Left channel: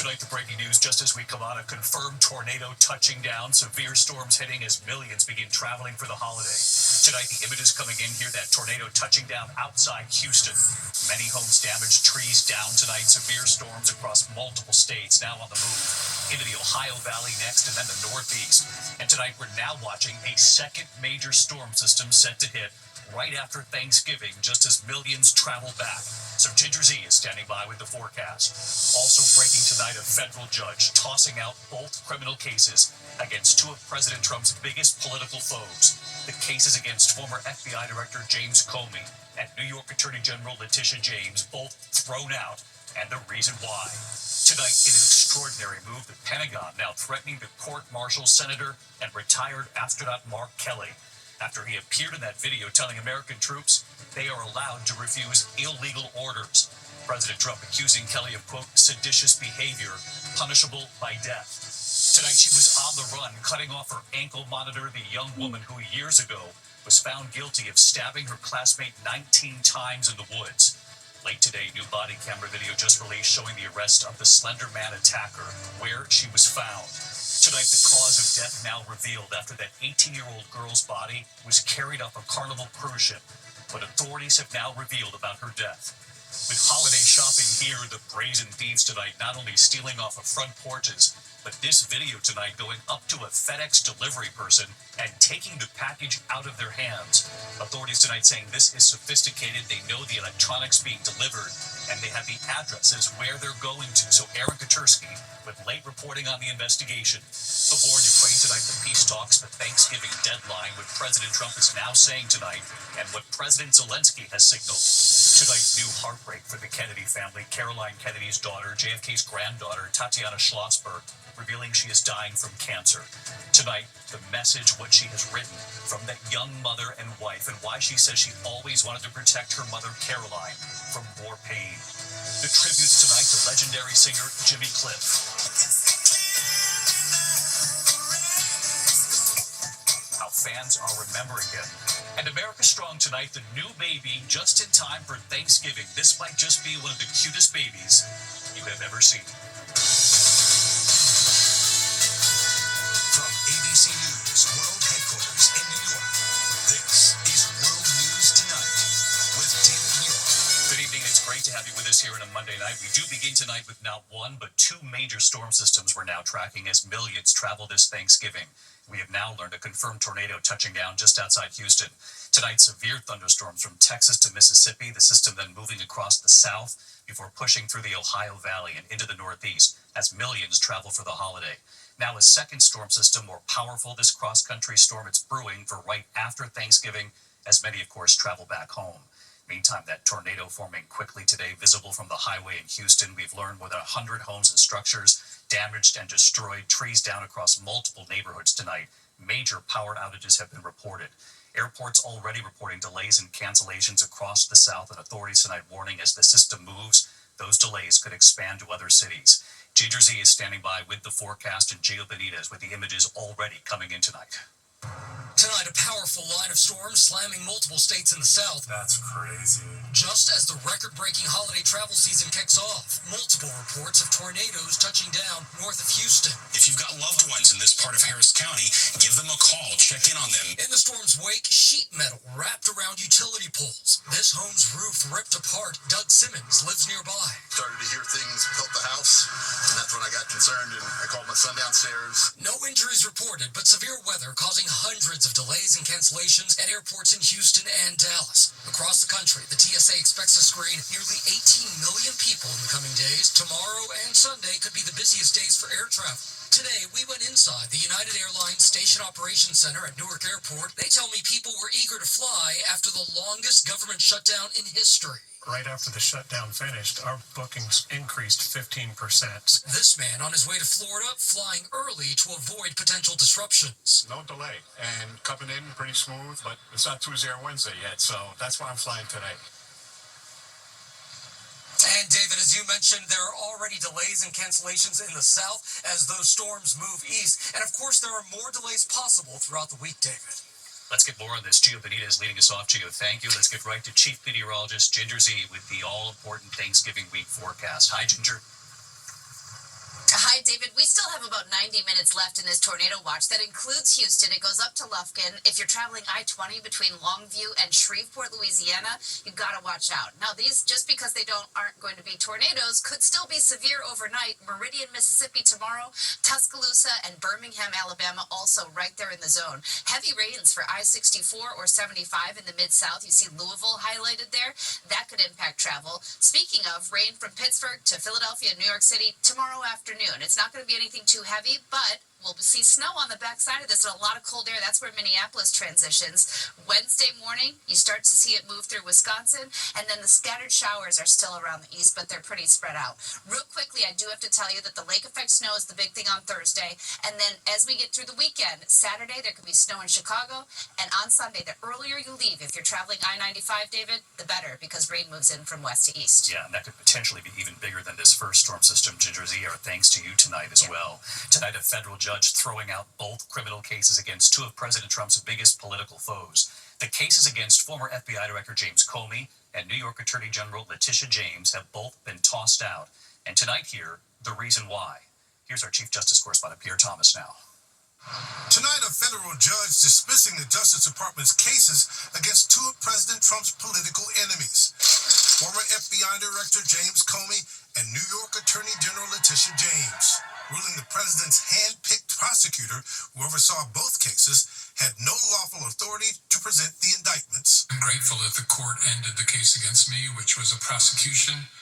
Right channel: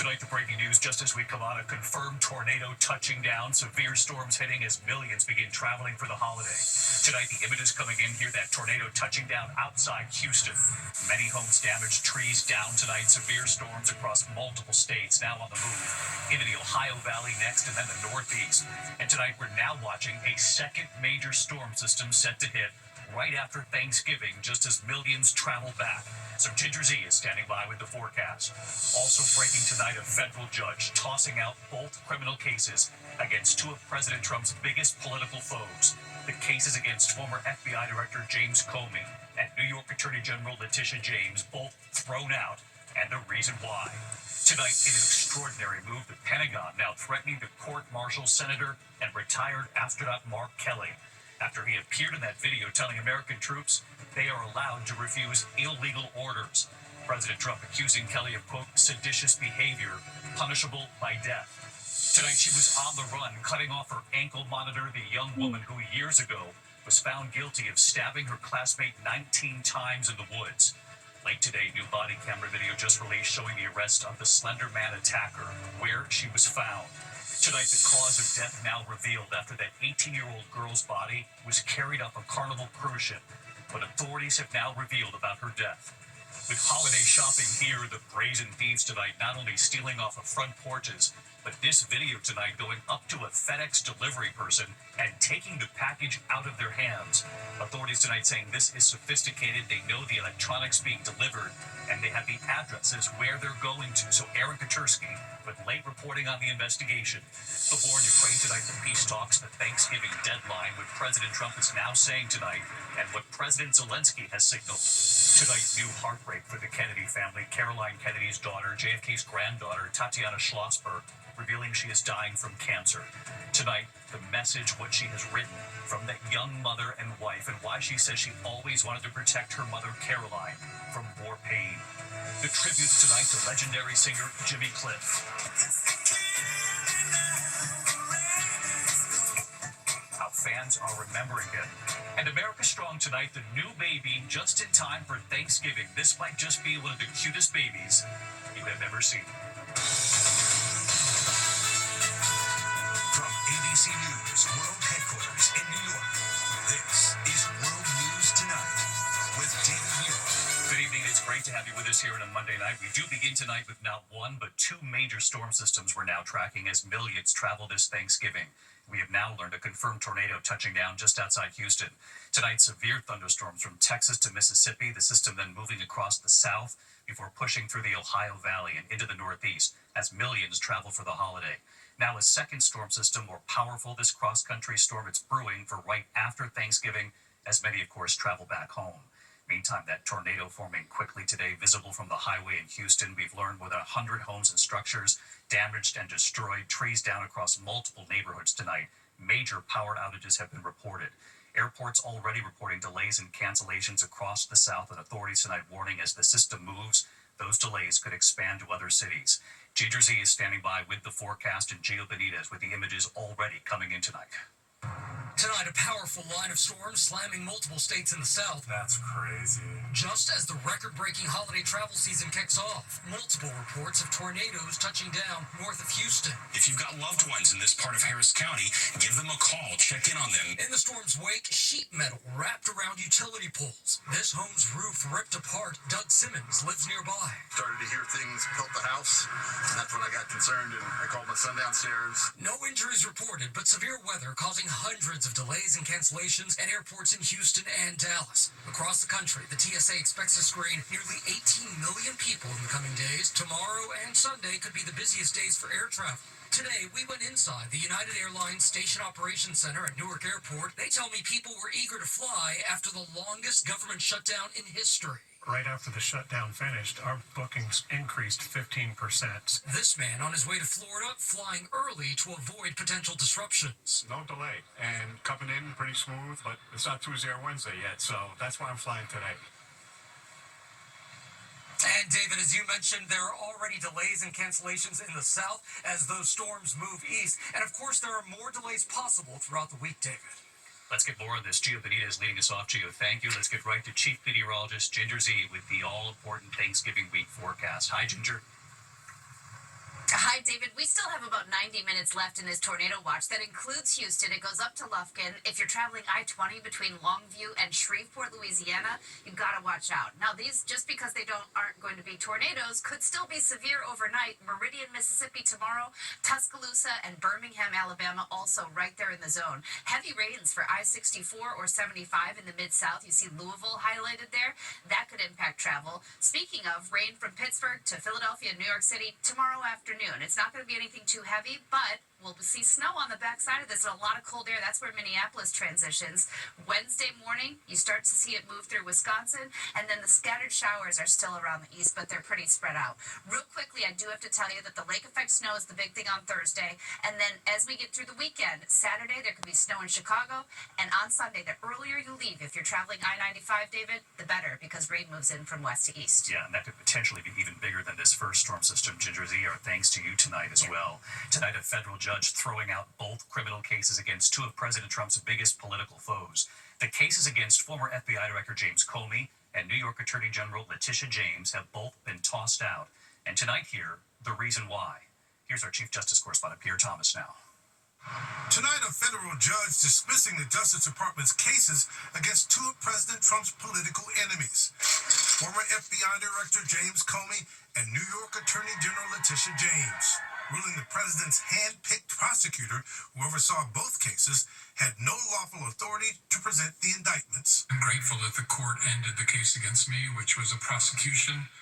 Tonight, the breaking news just as we come on, a confirmed tornado touching down, severe storms hitting as millions begin traveling for the holiday. Tonight, the images coming in here, that tornado touching down outside Houston. Many homes damaged, trees down tonight, severe storms across multiple states now on the move. Into the Ohio Valley next and then the Northeast. And tonight, we're now watching a second major storm system set to hit right after Thanksgiving, just as millions travel back. So Ginger Z is standing by with the forecast. Also breaking tonight, a federal judge tossing out both criminal cases against two of President Trump's biggest political foes. The cases against former FBI Director James Comey and New York Attorney General Letitia James, both thrown out, and the reason why. Tonight, in an extraordinary move, the Pentagon now threatening to court-martial Senator and retired astronaut Mark Kelly after he appeared in that video telling American troops they are allowed to refuse illegal orders. President Trump accusing Kelly of, quote, seditious behavior, punishable by death. Tonight, she was on the run, cutting off her ankle monitor, the young woman who years ago was found guilty of stabbing her classmate 19 times in the woods. Late today, new body camera video just released showing the arrest of the Slender Man attacker, where she was found. Tonight, the cause of death now revealed after that 18-year-old girl's body was carried off a Carnival cruise ship. What authorities have now revealed about her death. With holiday shopping here, the brazen thieves tonight not only stealing off of front porches, but this video tonight going up to a FedEx delivery person and taking the package out of their hands. Authorities tonight saying this is sophisticated. They know the electronics being delivered, and they have the addresses where they're going to. So Aaron Katursky with late reporting on the investigation. The war in Ukraine tonight, the peace talks, the Thanksgiving deadline, what President Trump is now saying tonight, and what President Zelensky has signaled. Tonight, new heartbreak for the Kennedy family. Caroline Kennedy's daughter, JFK's granddaughter, Tatiana Schlossberg, revealing she is dying from cancer. Tonight, the message, what she has written from that young mother and wife, and why she says she always wanted to protect her mother, Caroline, from more pain. The tributes tonight to legendary singer Jimmy Cliff. How fans are remembering him. And America Strong tonight, the new baby just in time for Thanksgiving. This might just be one of the cutest babies you have ever seen. From ABC News World Headquarters in New York, this is World News Tonight with David Muir. Good evening. It's great to have you with us here on a Monday night. We do begin tonight with not one, but two major storm systems we're now tracking as millions travel this Thanksgiving. We have now learned a confirmed tornado touching down just outside Houston. Tonight, severe thunderstorms from Texas to Mississippi, the system then moving across the south before pushing through the Ohio Valley and into the Northeast as millions travel for the holiday. Now a second storm system, more powerful, this cross-country storm, it's brewing for right after Thanksgiving as many, of course, travel back home. Meantime, that tornado forming quickly today, visible from the highway in Houston. We've learned more than 100 homes and structures damaged and destroyed, trees down across multiple neighborhoods tonight. Major power outages have been reported. Airports already reporting delays and cancellations across the south, and authorities tonight warning as the system moves, those delays could expand to other cities. Ginger Z is standing by with the forecast, and Gio Benitez with the images already coming in tonight. Tonight, a powerful line of storms slamming multiple states in the south. That's crazy. Just as the record-breaking holiday travel season kicks off, multiple reports of tornadoes touching down north of Houston. If you've got loved ones in this part of Harris County, give them a call, check in on them. In the storm's wake, sheet metal wrapped around utility poles. This home's roof ripped apart. Doug Simmons lives nearby. Started to hear things tilt the house, and that's when I got concerned, and I called my son downstairs. No injuries reported, but severe weather causing hundreds of delays and cancellations at airports in Houston and Dallas. Across the country, the TSA expects to screen nearly 18 million people in the coming days. Tomorrow and Sunday could be the busiest days for air travel. Today, we went inside the United Airlines Station Operations Center at Newark Airport. They tell me people were eager to fly after the longest government shutdown in history. Right after the shutdown finished, our bookings increased 15%. This man on his way to Florida, flying early to avoid potential disruptions. No delay, and coming in pretty smooth, but it's not Tuesday or Wednesday yet, so that's why I'm flying today. And David, as you mentioned, there are already delays and cancellations in the south as those storms move east. And of course, there are more delays possible throughout the week, David. Let's get more on this. Gio Benitez leading us off. Gio, thank you. Let's get right to Chief Meteorologist Ginger Z with the all-important Thanksgiving week forecast. Hi, Ginger. right, David, we still have about 90 minutes left in this tornado watch. That includes Houston. It goes up to Lufkin. If you're traveling I-20 between Longview and Shreveport, Louisiana, you've got to watch out. Now, these, just because they aren't going to be tornadoes, could still be severe overnight. Meridian, Mississippi tomorrow, Tuscaloosa and Birmingham, Alabama, also right there in the zone. Heavy rains for I-64 or 75 in the Mid-South. You see Louisville highlighted there. That could impact travel. Speaking of, rain from Pittsburgh to Philadelphia, New York City tomorrow afternoon. It's not going to be anything too heavy, but we'll see snow on the backside of this and a lot of cold air. That's where Minneapolis transitions. Wednesday morning, you start to see it move through Wisconsin, and then the scattered showers are still around the east, but they're pretty spread out. Real quickly, I do have to tell you that the lake effect snow is the big thing on Thursday, and then as we get through the weekend, Saturday, there could be snow in Chicago, and on Sunday, the earlier you leave, if you're traveling I-95, David, the better, because rain moves in from west to east. Yeah, and that could potentially be even bigger than this first storm system, Ginger Z, or thanks to you tonight as well. Tonight, a federal judge throwing out both criminal cases against two of President Trump's biggest political foes. The cases against former FBI Director James Comey and New York Attorney General Letitia James have both been tossed out. And tonight here, the reason why. Here's our Chief Justice Correspondent Pierre Thomas now. Tonight, a federal judge dismissing the Justice Department's cases against two of President Trump's political enemies, former FBI Director James Comey and New York Attorney General Letitia James, ruling the president's hand-picked prosecutor, who oversaw both cases, had no lawful authority to present the indictments. I'm grateful that the court ended the case against me, which was a prosecution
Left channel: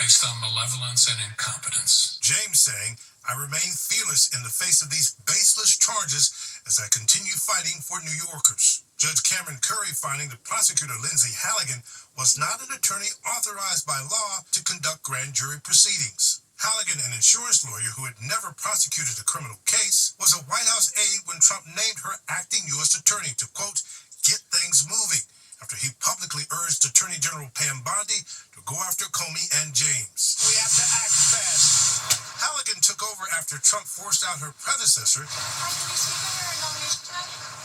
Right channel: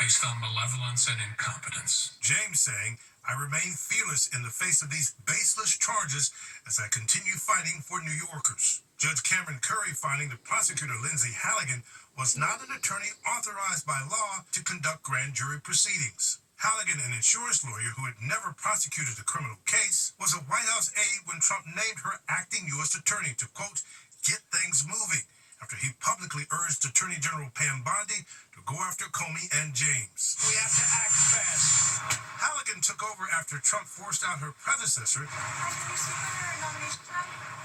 based on malevolence and incompetence. James saying, "I remain fearless in the face of these baseless charges as I continue fighting for New Yorkers." Judge Cameron Curry finding the prosecutor Lindsay Halligan was not an attorney authorized by law to conduct grand jury proceedings. Halligan, an insurance lawyer who had never prosecuted a criminal case, was a White House aide when Trump named her acting U.S. attorney to, quote, get things moving, after he publicly urged Attorney General Pam Bondi to go after Comey and James. We have to act fast. Halligan took over after Trump forced out her predecessor,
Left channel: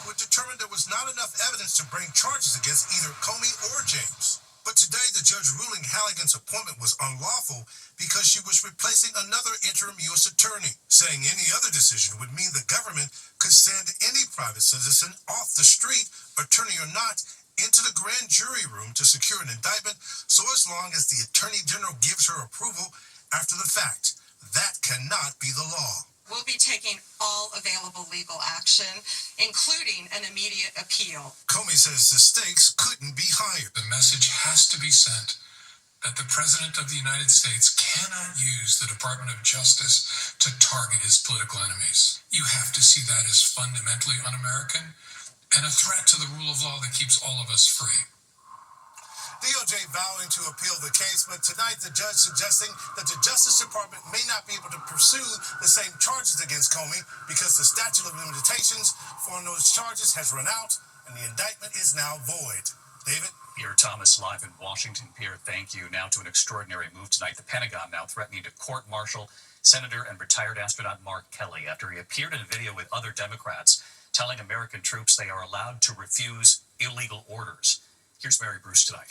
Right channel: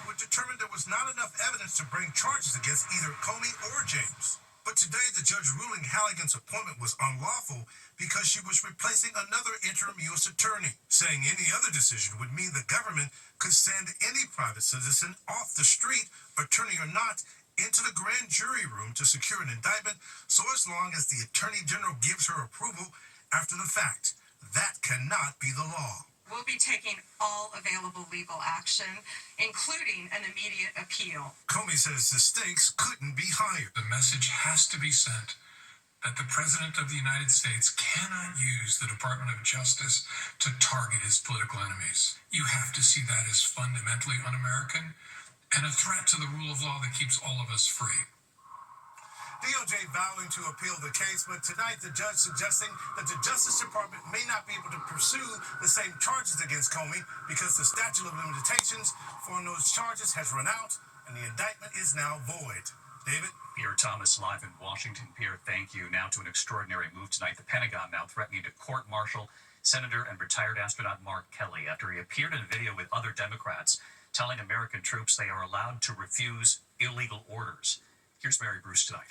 who determined there was not enough evidence to bring charges against either Comey or James. But today, the judge ruling Halligan's appointment was unlawful because she was replacing another interim U.S. attorney, saying any other decision would mean the government could send any private citizen off the street, attorney or not, into the grand jury room to secure an indictment, so as long as the attorney general gives her approval after the fact. That cannot be the law. We'll be taking all available legal action, including an immediate appeal. Comey says the stakes couldn't be higher. The message has to be sent that the President of the United States cannot use the Department of Justice to target his political enemies. You have to see that as fundamentally un-American and a threat to the rule of law that keeps all of us free. DOJ vowing to appeal the case, but tonight the judge suggesting that the Justice Department may not be able to pursue the same charges against Comey because the statute of limitations for those charges has run out and the indictment is now void. David? Pierre Thomas live in Washington. Pierre, thank you. Now to an extraordinary move tonight. The Pentagon now threatening to court-martial Senator and retired astronaut Mark Kelly after he appeared in a video with other Democrats telling American troops they are allowed to refuse illegal orders. Here's Mary Bruce tonight.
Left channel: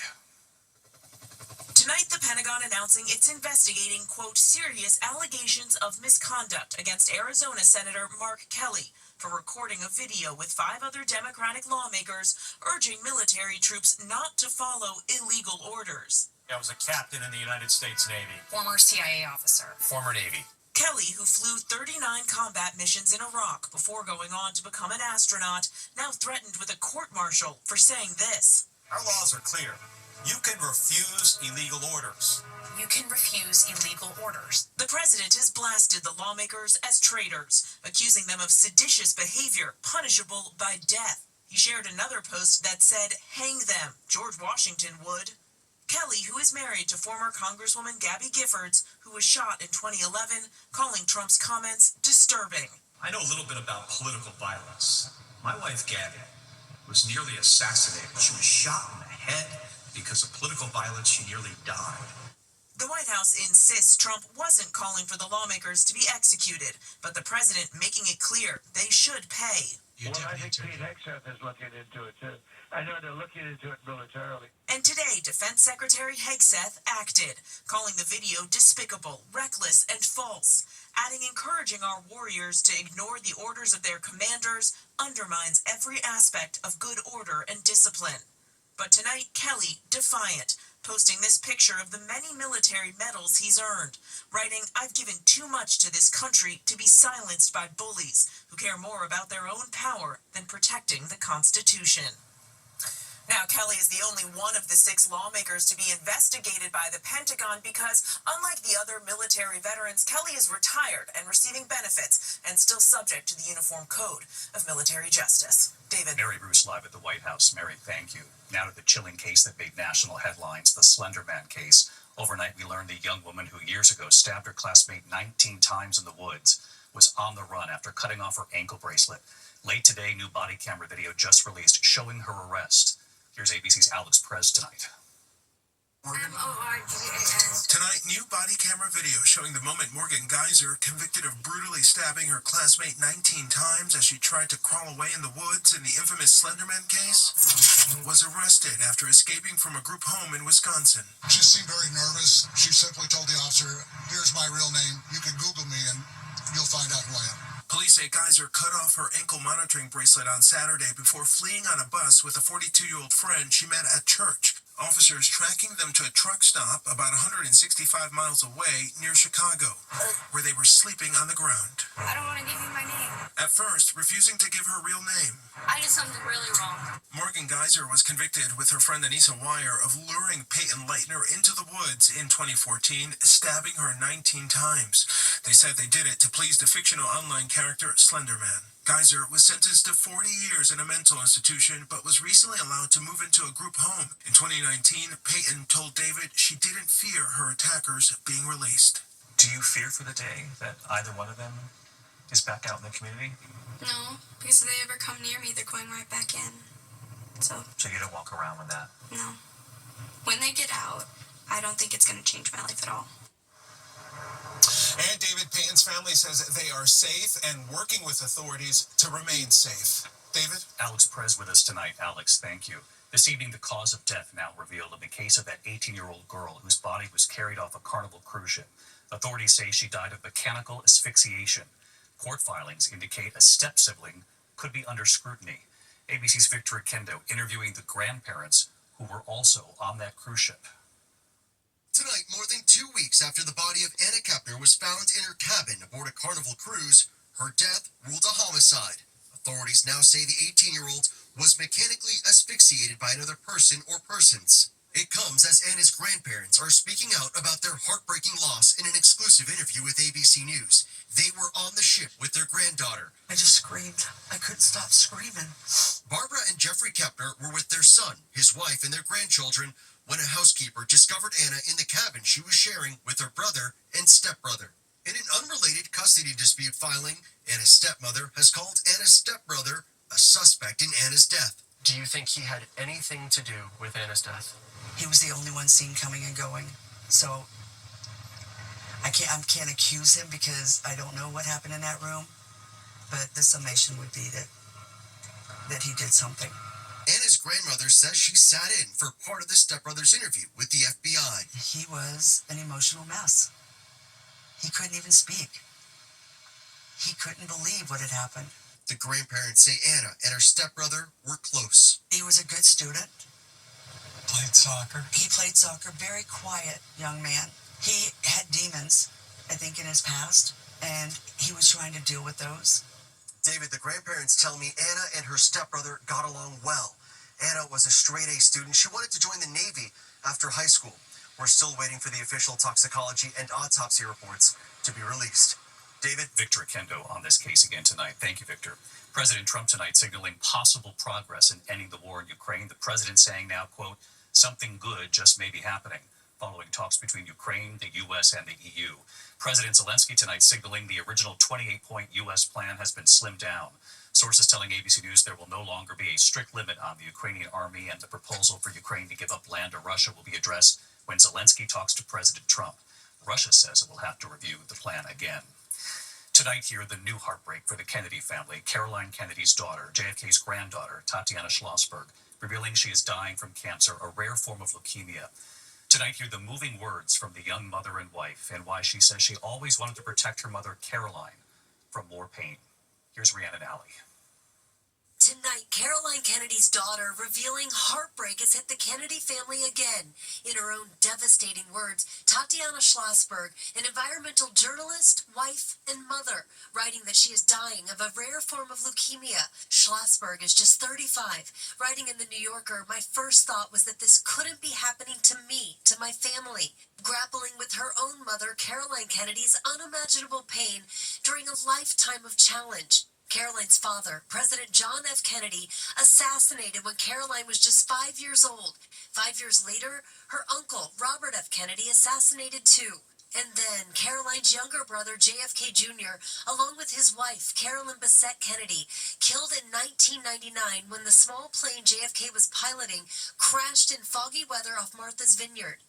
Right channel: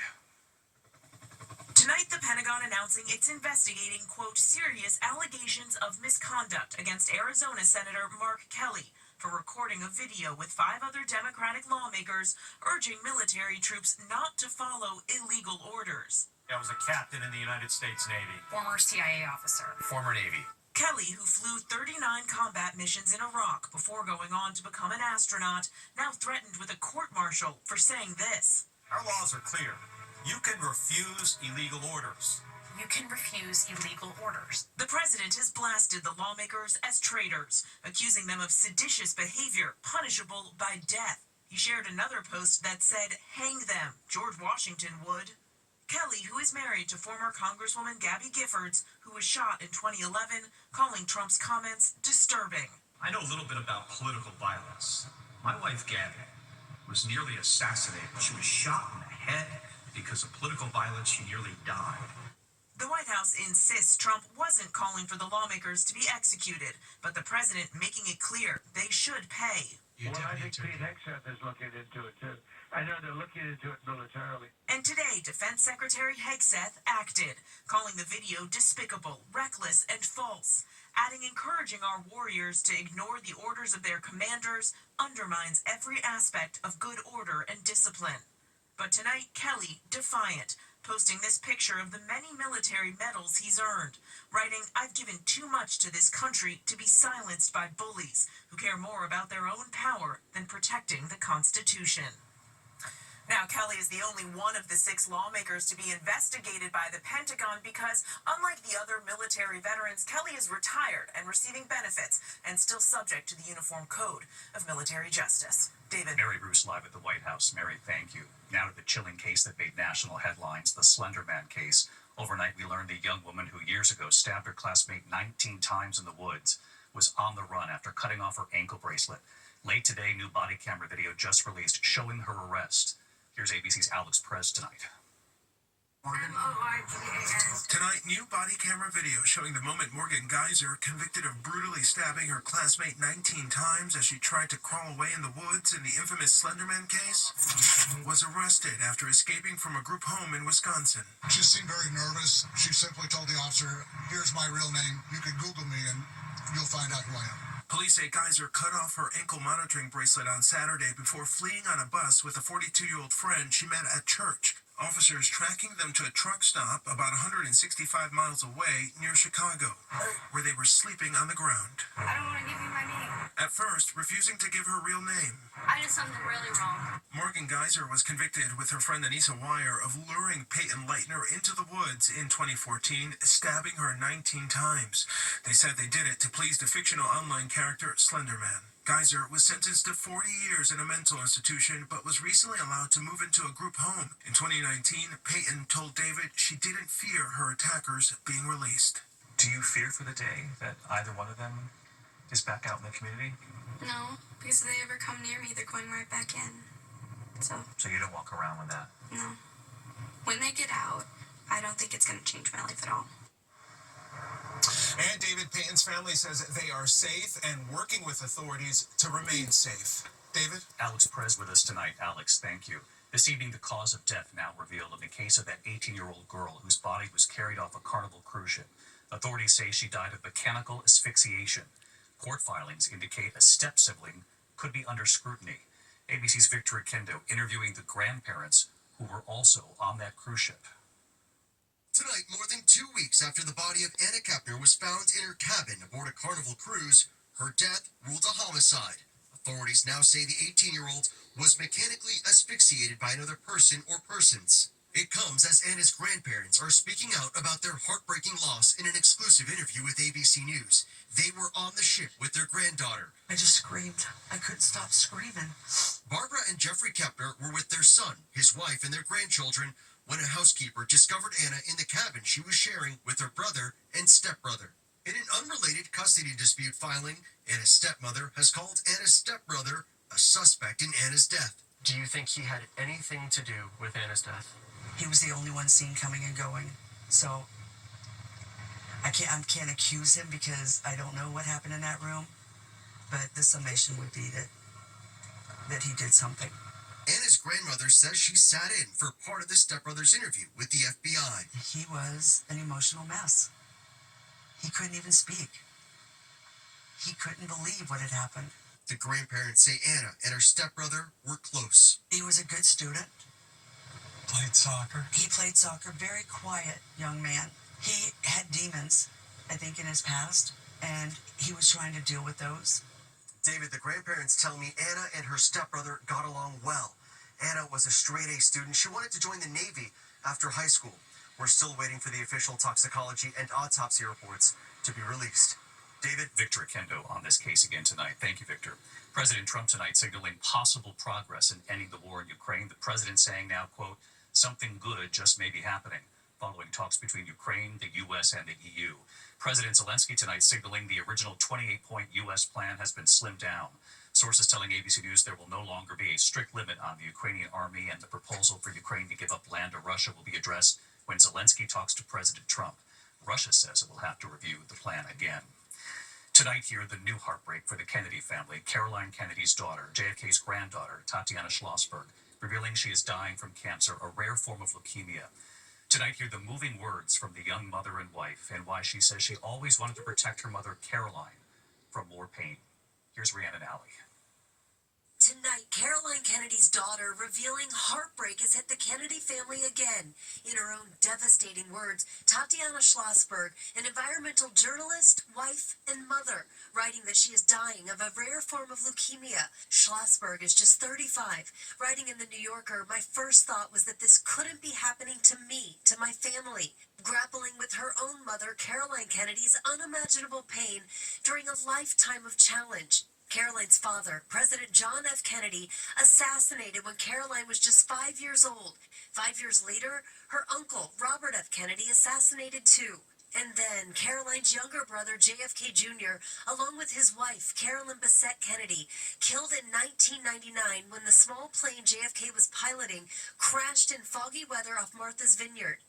Tonight, the Pentagon announcing it's investigating, quote, serious allegations of misconduct against Arizona Senator Mark Kelly for recording a video with 5 other Democratic lawmakers urging military troops not to follow illegal orders. I was a captain in the United States Navy. Former CIA officer. Former Navy. Kelly, who flew 39 combat missions in Iraq before going on to become an astronaut, now threatened with a court-martial for saying this. Our laws are clear. You can refuse illegal orders. You can refuse illegal orders. The president has blasted the lawmakers as traitors, accusing them of seditious behavior punishable by death. He shared another post that said, hang them, George Washington would. Kelly, who is married to former Congresswoman Gabby Giffords, who was shot in 2011, calling Trump's comments disturbing. I know a little bit about political violence. My wife, Gabby, was nearly assassinated. She was shot in the head because of political violence. She nearly died. The White House insists Trump wasn't calling for the lawmakers to be executed, but the president making it clear they should pay. Well, I think Pete Hegseth is looking into it, too. I know they're looking into it militarily. And today, Defense Secretary Hegseth acted, calling the video despicable, reckless, and false, adding encouraging our warriors to ignore the orders of their commanders undermines every aspect of good order and discipline. But tonight, Kelly, defiant, posting this picture of the many military medals he's earned, writing, "I've given too much to this country to be silenced by bullies who care more about their own power than protecting the Constitution." Now, Kelly is the only one of the 6 lawmakers to be investigated by the Pentagon because, unlike the other military veterans, Kelly is retired and receiving benefits and still subject to the Uniform Code of Military Justice. David. Mary Bruce live at the White House. Mary, thank you. Now to the chilling case that made national headlines, the Slender Man case. Overnight, we learned the young woman who years ago stabbed her classmate 19 times in the woods was on the run after cutting off her ankle bracelet. Late today, new body camera video just released showing her arrest. Here's ABC's Alex Perez tonight. Tonight, new body camera video showing the moment Morgan Geyser, convicted of brutally stabbing her classmate 19 times as she tried to crawl away in the woods in the infamous Slenderman case, was arrested after escaping from a group home in Wisconsin. She seemed very nervous. She simply told the officer, "Here's my real name. You can Google me and you'll find out who I am." Police say Geyser cut off her ankle monitoring bracelet on Saturday before fleeing on a bus with a 42-year-old friend she met at church. Officers tracking them to a truck stop about 165 miles away near Chicago, where they were sleeping on the ground. I don't want to give you my name. At first, refusing to give her real name. I did something really wrong. Morgan Geyser was convicted with her friend Anissa Wire of luring Peyton Leitner into the woods in 2014, stabbing her 19 times. They said they did it to please the fictional online character Slenderman. Geyser was sentenced to 40 years in a mental institution, but was recently allowed to move into a group home. In 2019, Peyton told David she didn't fear her attackers being released. Do you fear for the day that either one of them is back out in the community? No, because if they ever come near me, they're going right back in. So you don't walk around with that? No. When they get out, I don't think it's going to change my life at all. And David Payton's family says they are safe and working with authorities to remain safe. David? Alex Perez with us tonight. Alex, thank you. This evening, the cause of death now revealed in the case of that 18-year-old girl whose body was carried off a Carnival cruise ship. Authorities say she died of mechanical asphyxiation. Court filings indicate a step-sibling could be under scrutiny. ABC's Victor Akendo interviewing the grandparents who were also on that cruise ship. Tonight, more than 2 weeks after the body of Anna Kepner was found in her cabin aboard a Carnival cruise, her death ruled a homicide. Authorities now say the 18-year-old was mechanically asphyxiated by another person or persons. It comes as Anna's grandparents are speaking out about their heartbreaking loss in an exclusive interview with ABC News. They were on the ship with their granddaughter. I just screamed. I couldn't stop screaming. Barbara and Jeffrey Kepner were with their son, his wife, and their grandchildren when a housekeeper discovered Anna in the cabin she was sharing with her brother and stepbrother. In an unrelated custody dispute filing, Anna's stepmother has called Anna's stepbrother a suspect in Anna's death. Do you think he had anything to do with Anna's death? He was the only one seen coming and going, so I can't accuse him because I don't know what happened in that room, but the summation would be that he did something. Anna's grandmother says she sat in for part of the stepbrother's interview with the FBI. He was an emotional mess. He couldn't even speak. He couldn't believe what had happened. The grandparents say Anna and her stepbrother were close. He was a good student. Played soccer. He played soccer, very quiet young man. He had demons, I think, in his past, and he was trying to deal with those. David, the grandparents tell me Anna and her stepbrother got along well. Anna was a straight-A student. She wanted to join the Navy after high school. We're still waiting for the official toxicology and autopsy reports to be released. David? Victor Akendo on this case again tonight. Thank you, Victor. President Trump tonight signaling possible progress in ending the war in Ukraine. The president saying now, quote, something good just may be happening, following talks between Ukraine, the U.S., and the EU. President Zelensky tonight signaling the original 28-point U.S. plan has been slimmed down. Sources telling ABC News there will no longer be a strict limit on the Ukrainian army, and the proposal for Ukraine to give up land to Russia will be addressed when Zelensky talks to President Trump. Russia says it will have to review the plan again. Tonight here, the new heartbreak for the Kennedy family. Caroline Kennedy's daughter, JFK's granddaughter, Tatiana Schlossberg, revealing she is dying from cancer, a rare form of leukemia. Tonight, hear the moving words from the young mother and wife and why she says she always wanted to protect her mother, Caroline, from more pain. Here's Rhiannon Alley. Tonight, Caroline Kennedy's daughter revealing heartbreak has hit the Kennedy family again. In her own devastating words, Tatiana Schlossberg, an environmental journalist, wife, and mother, writing that she is dying of a rare form of leukemia. Schlossberg is just 35, writing in the New Yorker, "My first thought was that this couldn't be happening to me, to my family." Grappling with her own mother, Caroline Kennedy's unimaginable pain during a lifetime of challenge. Caroline's father, President John F. Kennedy, assassinated when Caroline was just 5 years old. 5 years later, her uncle, Robert F. Kennedy, assassinated too. And then Caroline's younger brother, JFK Jr., along with his wife, Carolyn Bessette Kennedy, killed in 1999 when the small plane JFK was piloting crashed in foggy weather off Martha's Vineyard.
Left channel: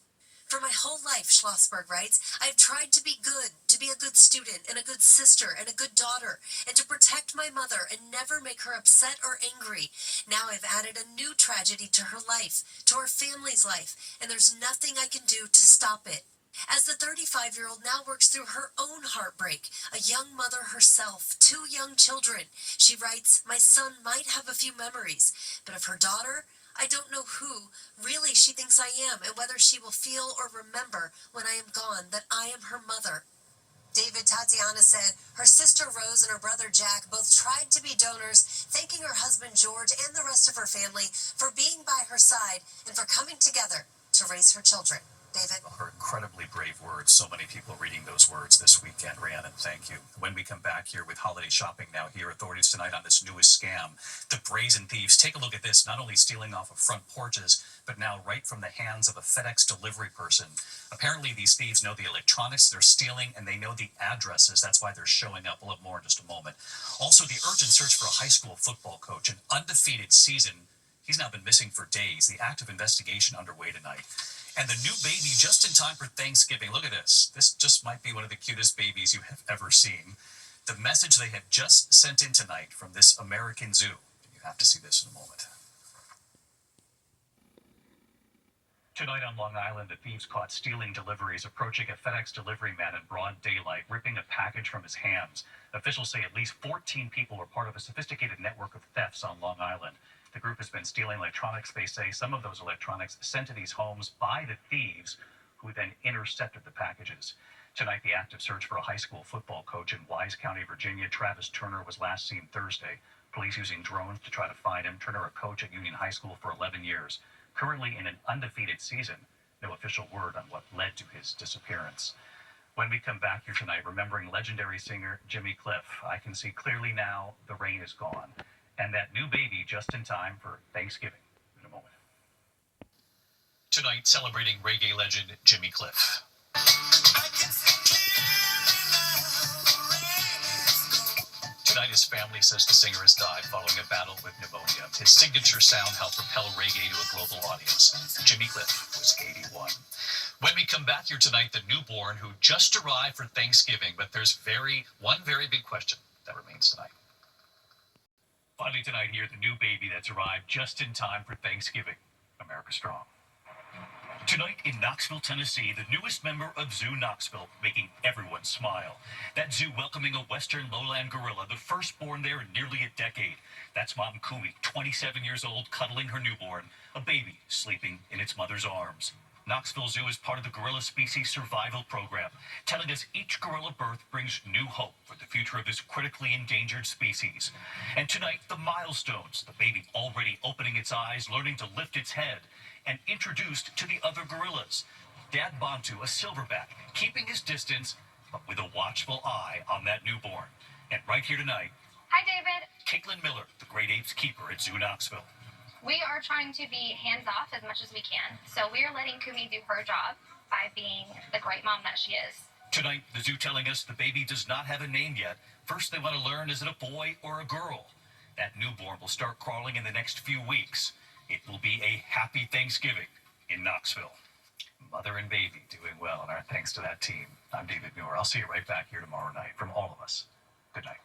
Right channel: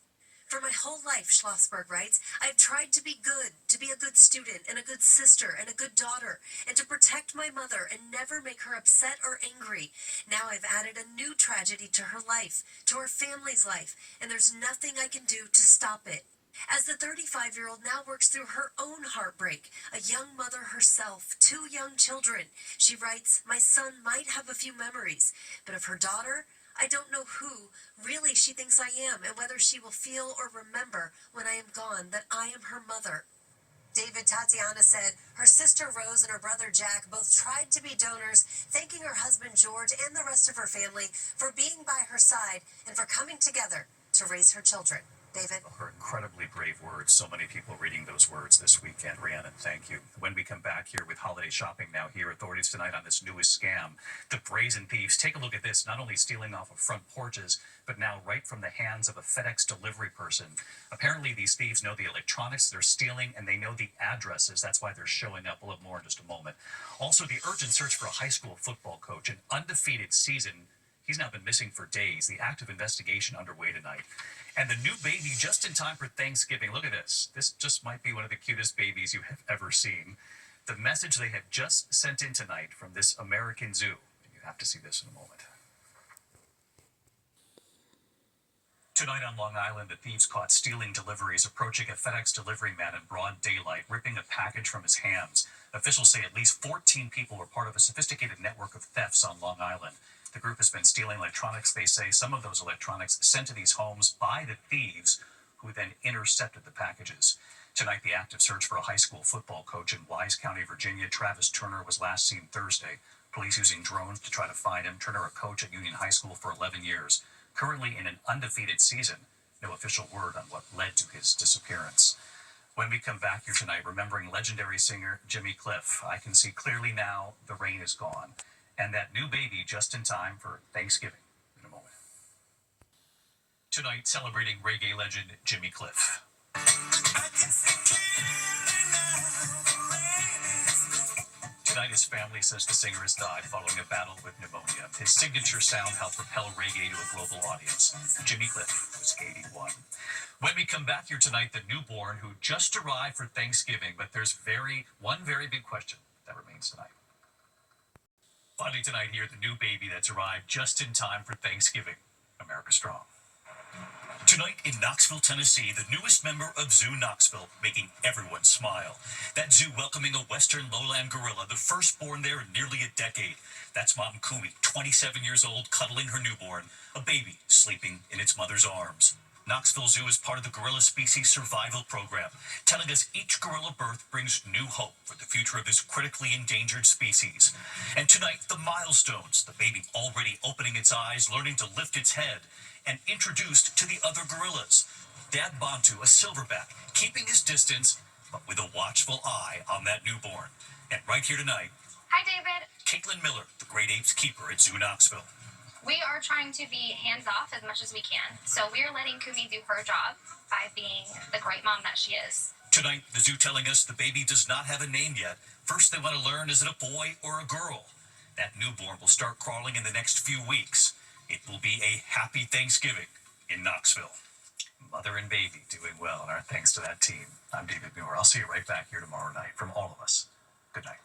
For my whole life, Schlossberg writes, I've tried to be good, to be a good student and a good sister and a good daughter, and to protect my mother and never make her upset or angry. Now I've added a new tragedy to her life, to her family's life, and there's nothing I can do to stop it. As the 35-year-old now works through her own heartbreak, a young mother herself, 2 young children, she writes, my son might have a few memories, but of her daughter, I don't know who really she thinks I am and whether she will feel or remember when I am gone that I am her mother. David, Tatiana said her sister Rose and her brother Jack both tried to be donors, thanking her husband George and the rest of her family for being by her side and for coming together to raise her children. David? Her incredibly brave words. So many people reading those words this weekend. Rhiannon, thank you. When we come back here with holiday shopping now here, authorities tonight on this newest scam, the brazen thieves. Take a look at this, not only stealing off of front porches, but now right from the hands of a FedEx delivery person. Apparently these thieves know the electronics they're stealing and they know the addresses. That's why they're showing up. We'll have more in just a moment. Also, the urgent search for a high school football coach, an undefeated season. He's now been missing for days. The active investigation underway tonight. And the new baby just in time for Thanksgiving. Look at this. This just might be one of the cutest babies you have ever seen. The message they have just sent in tonight from this American zoo. You have to see this in a moment. Tonight on Long Island, the thieves caught stealing deliveries, approaching a FedEx delivery man in broad daylight, ripping a package from his hands. Officials say at least 14 people were part of a sophisticated network of thefts on Long Island. The group has been stealing electronics. They say some of those electronics sent to these homes by the thieves, who then intercepted the packages. Tonight, the active search for a high school football coach in Wise County, Virginia. Travis Turner was last seen Thursday. Police using drones to try to find him. Turner, a coach at Union High School for 11 years. Currently in an undefeated season. No official word on what led to his disappearance. When we come back here tonight, remembering legendary singer Jimmy Cliff. I can see clearly now the rain is gone. And that new baby just in time for Thanksgiving in a moment. Tonight, celebrating reggae legend Jimmy Cliff. Tonight, his family says the singer has died following a battle with pneumonia. His signature sound helped propel reggae to a global audience. Jimmy Cliff was 81. When we come back here tonight, the newborn who just arrived for Thanksgiving, but there's one very big question that remains tonight. Finally tonight here, the new baby that's arrived just in time for Thanksgiving. America Strong. Tonight in Knoxville, Tennessee, the newest member of Zoo Knoxville, making everyone smile. That zoo welcoming a western lowland gorilla, the firstborn there in nearly a decade. That's Mom Kumi, 27 years old, cuddling her newborn, a baby sleeping in its mother's arms. Knoxville Zoo is part of the Gorilla Species Survival Program, telling us each gorilla birth brings new hope for the future of this critically endangered species. And tonight, the milestones, the baby already opening its eyes, learning to lift its head, and introduced to the other gorillas. Dad Bantu, a silverback, keeping his distance, but with a watchful eye on that newborn. And right here tonight, hi, David. Caitlin Miller, the Great Apes keeper at Zoo Knoxville. We are trying to be hands-off as much as we can. So we are letting Kumi do her job by being the great mom that she is. Tonight, the zoo telling us the baby does not have a name yet. First, they want to learn, is it a boy or a girl? That newborn will start crawling in the next few weeks. It will be a happy Thanksgiving in Knoxville. Mother and baby doing well, and our thanks to that team. I'm David Muir. I'll see you right back here tomorrow night. From all of us, good night.